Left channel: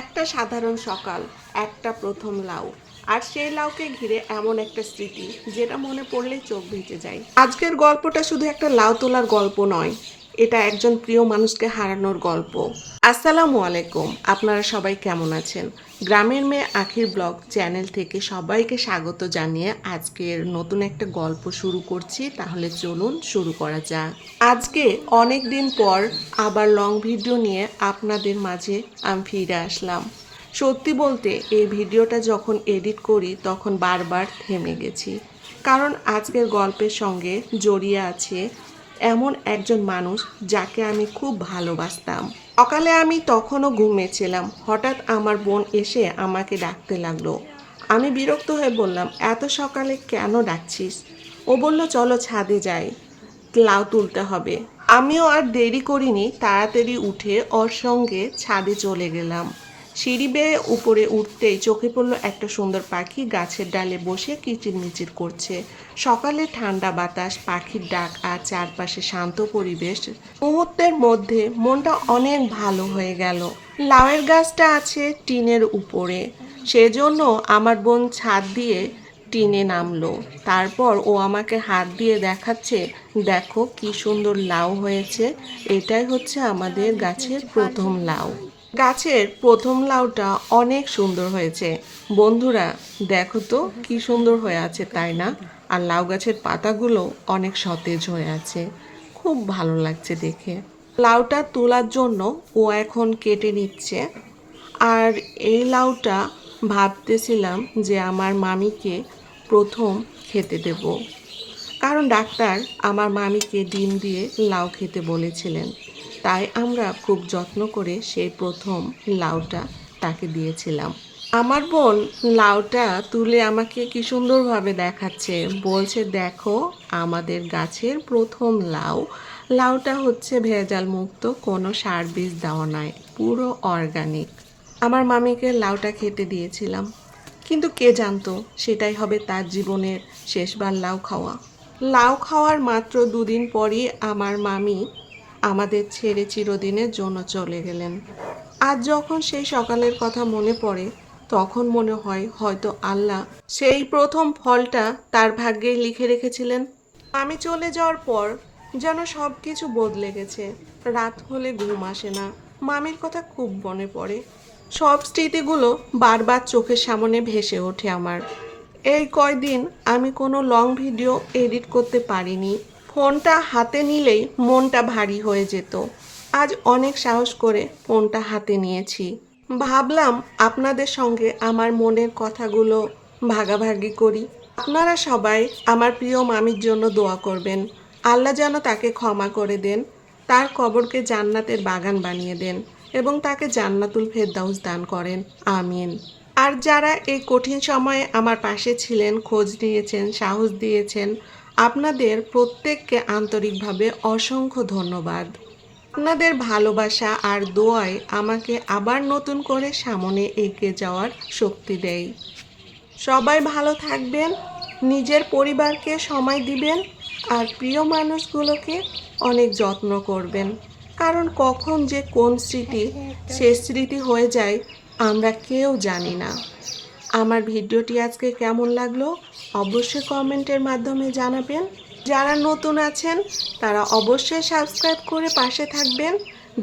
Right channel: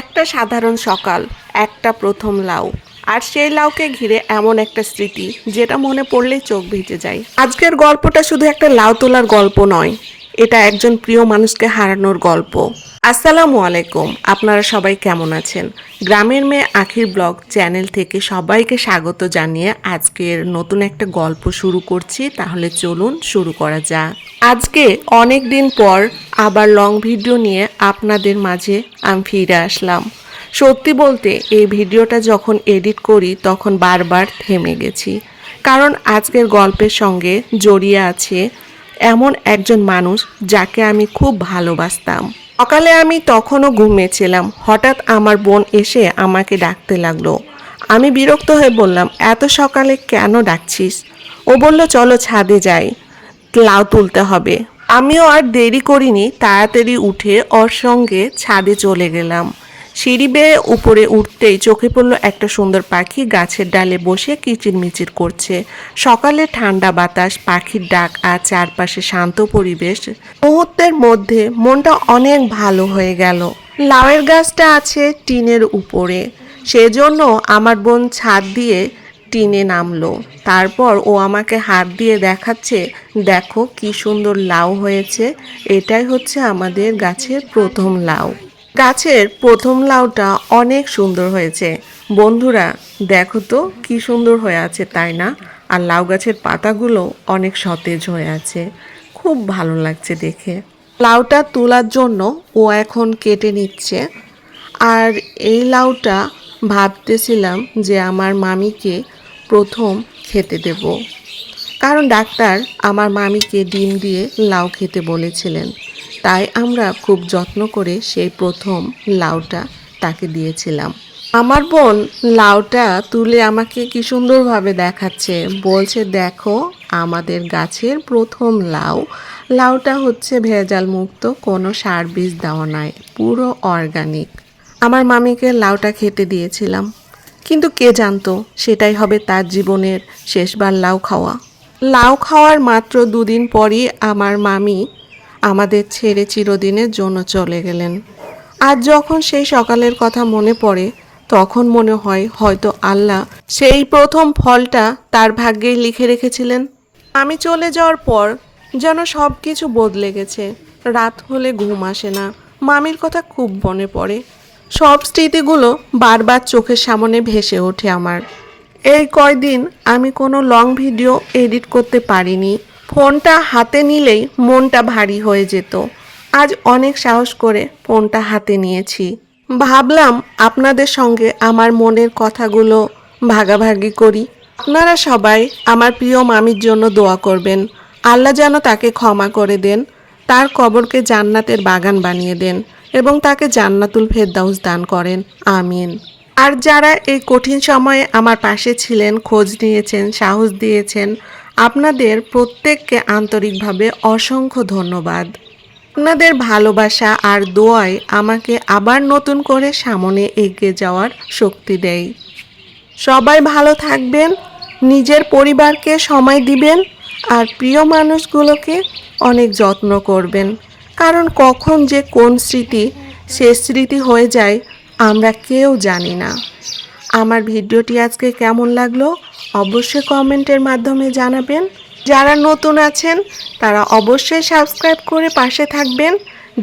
একটা সাধারণ সকাল, একটা প্রথম লাউ, আর সেই লাউকে ঘিরে এমন একটা স্মৃতি যেটা মনে পড়লেই চোখ ভিজে যায়। আজকের গল্পটা শুধু একটা লাউ তোলার গল্প নয়, এটা একজন প্রিয় মানুষকে হারানোর গল্প। আসসালামু আলাইকুম, আপনারা সবাই কেমন আছেন? গ্রামের মেয়ে আখির ব্লগ চ্যানেল থেকে সবাইকে স্বাগত জানিয়ে আজকের নতুন একটা গল্প শুরু করছি। তাহলে চলুন শুরু করা যাক। আজকে অনেক দিন পর আবার লং ভিডিও নিয়ে আপনাদের মাঝে আমি ফিরে আসলাম। সত্যি বলতে এই ভিডিওটা যখন এডিট করি তখন বারবার থেমে গেছি, কারণ আজকের গল্পের সঙ্গে জড়িয়ে আছে এমন একজন মানুষ যাকে আমি খুব ভালোবাসতাম। সকালে আমি তখনও ঘুমিয়েছিলাম, হঠাৎ আমার বোন এসে আমাকে ডাকতে লাগলো। আমি বিরক্ত হয়ে বললাম, এত সকালে কেন ডাকছিস? ও বলল, চলো ছাদে যাই, লাউ তুলতে হবে। আমিও আর দেরি করিনি, তাড়াতাড়ি উঠে ওর সঙ্গে ছাদে চলে গেলাম। সিঁড়ি বেয়ে উপরে উঠতেই চোখে পড়ল একটা সুন্দর পাখি গাছের ডালে বসে কিচিরমিচির করছে। সকালে ঠান্ডা বাতাস, পাখির ডাক আর চারপাশে শান্ত পরিবেশ, মুহূর্তের মধ্যে মনটা অনেক ভালো হয়ে গেল। লাউয়ের গাছটা আছে টিনের উপরে, সেজন্য আমার বোন ছাদ দিয়ে টিনে নামলো। তারপর ও আমাকে হাত দিয়ে দেখাচ্ছে, দেখো কি সুন্দর লাউ হয়েছে, এটাই হচ্ছে আমাদের গাছের প্রথম লাউ। গাছের প্রথম লাউটা অনেক সুন্দর হয়েছে বন্ধুরা, দেখো তো কি সুন্দর হয়ে আছে, তাই না? আর লাউ গাছের পাতাগুলো অনেক সতেজ হয়ে আছে, খুব ভালো লাগছে দেখে। লাউটা তোলার জন্য ও এখন কেটে নিচ্ছে। আর এই লাউটা ভাবতেছিলাম যে আমার মামিকে প্রথম খেতে দেব, কারণ ডাক্তার আমার মামিকে ডিম দিয়ে লাউ খেতে বলেছিলেন। তাই আমরা খুব যত্ন করে সেই প্রথম লাউটা তাকে দিয়েছিলাম। আমার বোন লাউটা তুলে আমাকে কি সুন্দরভাবে দেখাচ্ছে, বলছে, দেখো আমাদের গাছের প্রথম লাউ। লাউটা হচ্ছে ভেজাল মুক্ত, কোনো সার বীজ দেওয়া নয়, পুরো অর্গানিক। আমার মামিকে লাউটা খেতে দিয়েছিলাম, কিন্তু কে জানতো সেটাই হবে তার জীবনের শেষবার লাউ খাওয়া। লাউ খাওয়ার মাত্র 2 দিন পরই আমার মামি আমাদের ছেড়ে চিরদিনের জন্য চলে গেলেন। আজ যখন সেই সকালের কথা মনে পড়ে, তখন মনে হয় হয়তো আল্লাহ সেই প্রথম ফলটা তার ভাগ্যেই লিখে রেখেছিলেন। আমি চলে যাওয়ার পর যেন সব কিছু বদলে গেছে। রাত হলে ঘুম আসে না, মামির কথা খুব মনে পড়ে। সব স্মৃতিগুলো বারবার চোখের সামনে ভেসে ওঠে আমার। এই কয়দিন আমি কোনো লং ভিডিও এডিট করতে পারিনি, ফোনটা হাতে নিলেই মনটা ভারী হয়ে যেত। আজ অনেক সাহস করে ফোনটা হাতে নিয়েছি, ভাবলাম আপনাদের সঙ্গে আমার মনের কথাগুলো ভাগাভাগি করি। আপনারা সবাই আমার প্রিয় মামির জন্য দোয়া করবেন, আল্লাহ যেন তাকে ক্ষমা করে দেন, তার কবরকে জান্নাতের বাগান বানিয়ে দেন এবং তাকে জান্নাতুল ফেরদাউস দান করেন, আমিন। আর যারা এই কঠিন সময়ে আমার পাশে ছিলেন, খোঁজ নিয়েছেন, সাহস দিয়েছেন, আপনাদের প্রত্যেককে আন্তরিকভাবে অসংখ্য ধন্যবাদ। আপনাদের ভালোবাসা আর দোয়াই আমাকে আবার নতুন করে সামনে এগিয়ে যাওয়ার শক্তি দেয়। সবাই ভালো থাকবেন, নিজের পরিবারকে সময় দিবেন, আর প্রিয় মানুষগুলোকে অনেক যত্ন করবেন, কারণ কখন যে কোন স্মৃতি শেষ স্মৃতি হয়ে যায় আমরা কেউ জানি না। আমার ভিডিওটি আজকে কেমন লাগলো অবশ্যই কমেন্টের মাধ্যমে জানাবেন। যারা নতুন আছেন তারা অবশ্যই সাবস্ক্রাইব করে পাশে থাকবেন।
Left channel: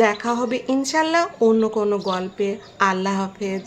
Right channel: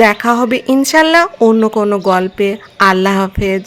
দেখা হবে ইনশাল্লাহ অন্য কোনো গল্পে। আল্লাহ হাফেজ।